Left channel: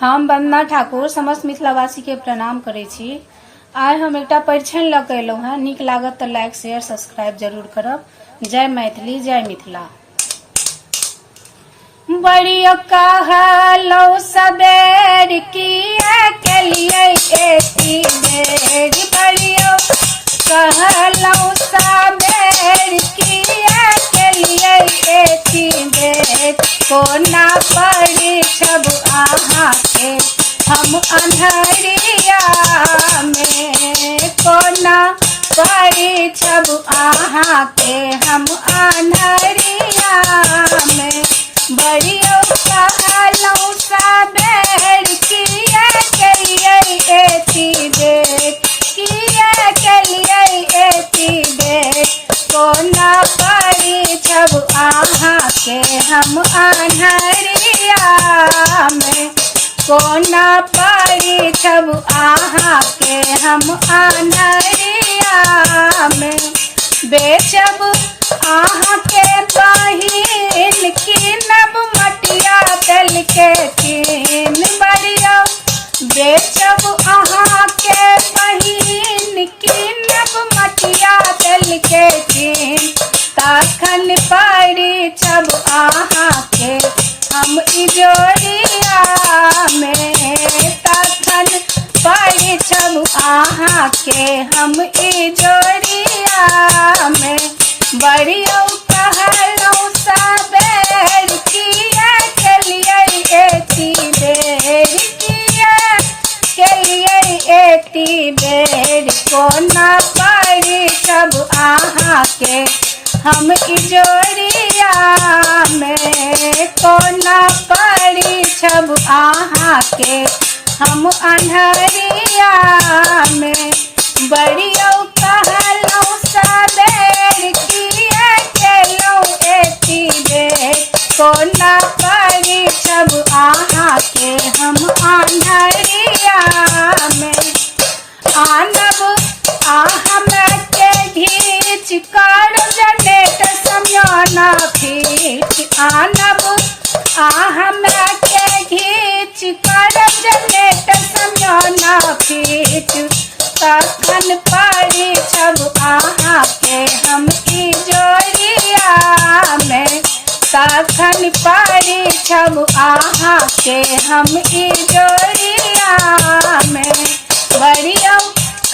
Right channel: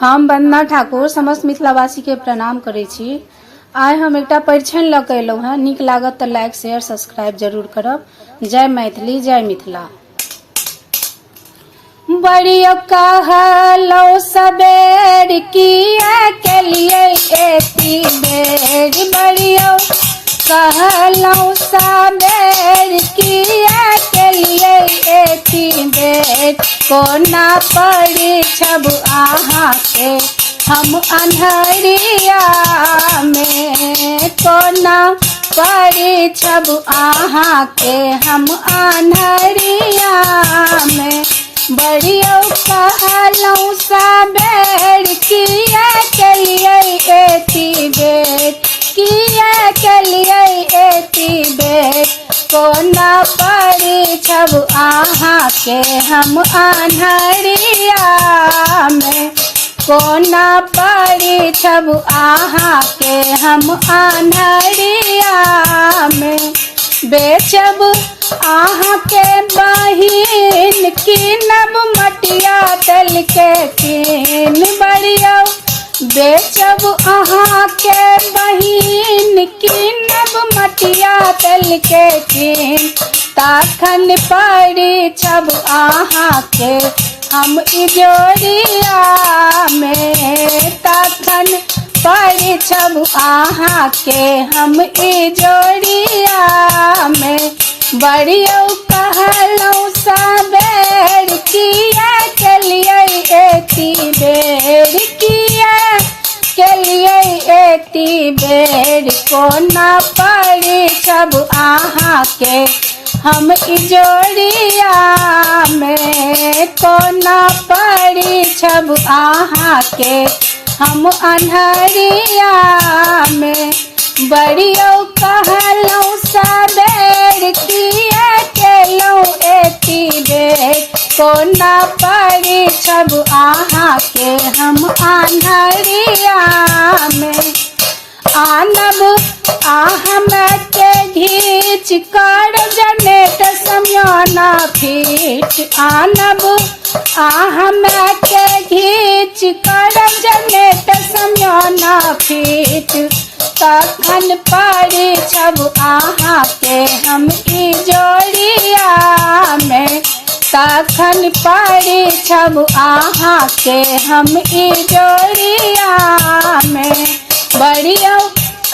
हम वंदना ठाकुर समस्त मिथिलावासी के प्रणाम करे छी। आइ हम एक परिछन लऽ के एलहुँ हैं। नीक लागत तो लाइक शेयर सब्सक्राइब जरूर करब। जय मैथिली जय मिथिला। बड़ियो कहलौ सबेर किया केलिए एती बेर। बड़ियो कहलौ सबेर किया केलिए एती बेर। कोना पड़ी छब आहाँ के हम अन्हरिया में। कोना पड़ी छब आहाँ के हम अन्हरिया में। बड़ियो कहलौ सबेर किया केलिए एती बेर। किया केलिए एती बेर। कोना पड़ी छब आहाँ के हम अन्हरिया में। कोना पड़ी छब आहाँ के हम अन्हरिया में। बेचब आहाँ के बहिन कीनब मटिया तेल के कीन। बड़ियो बेचब आहाँ के बहिन कीनब मटिया तेल के कीन। तखन पड़ी छब आहाँ के हम इजोरिया में। तखन पड़ी छब आहाँ के हम इजोरिया में। बड़ियो कहलौ सबेर किया केलिए एती बेर। किया केलिए एती बेर। कोना पड़ी छब आहाँ के हम इजोरिया में। कोना पड़ी छब आहाँ के हम अन्हरिया में। बड़ियो कहलौ सबेर किया केलौ एती बेर। कोना पड़ी छब आहाँ के हम अन्हरिया में। आनब आहाँ के घीच कर जनेट समयाना फीट। आनब आहाँ के घीच कर जनेट समयाना फीट। तखन पड़ी छब आहाँ के हम इजोरिया में। तखन पड़ी छब आहाँ के हम इजोरिया में। बड़ियो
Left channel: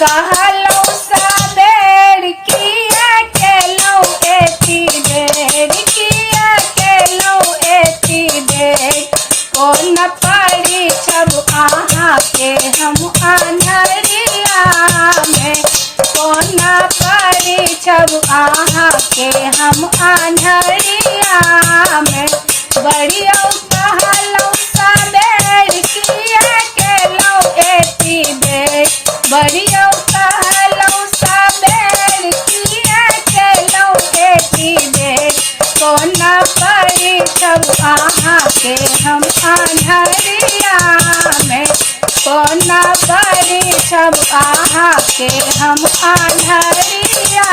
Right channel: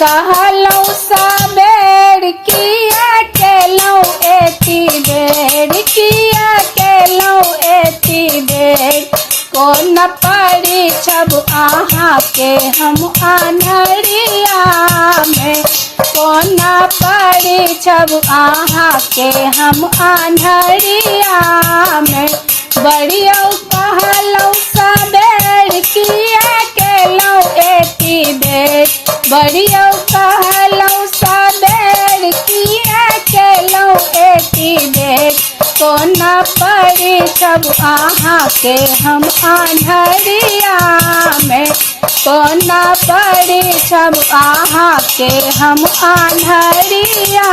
कहलौ सबेर किया केलौ एती बेर। किया केलौ एती बेर। कोना पड़ी छब आहाँ के हम अन्हरिया में। कोना पड़ी छब आहाँ के हम अन्हरिया में। बड़ियो कहलौ सबेर किया केलौ एती बेर। बड़ियो कहलौ सबेर किया केलौ एती बेर। कोना पड़ी छब आहाँ के हम अन्हरिया में। कोना पड़ी छब आहाँ के हम अन्हरिया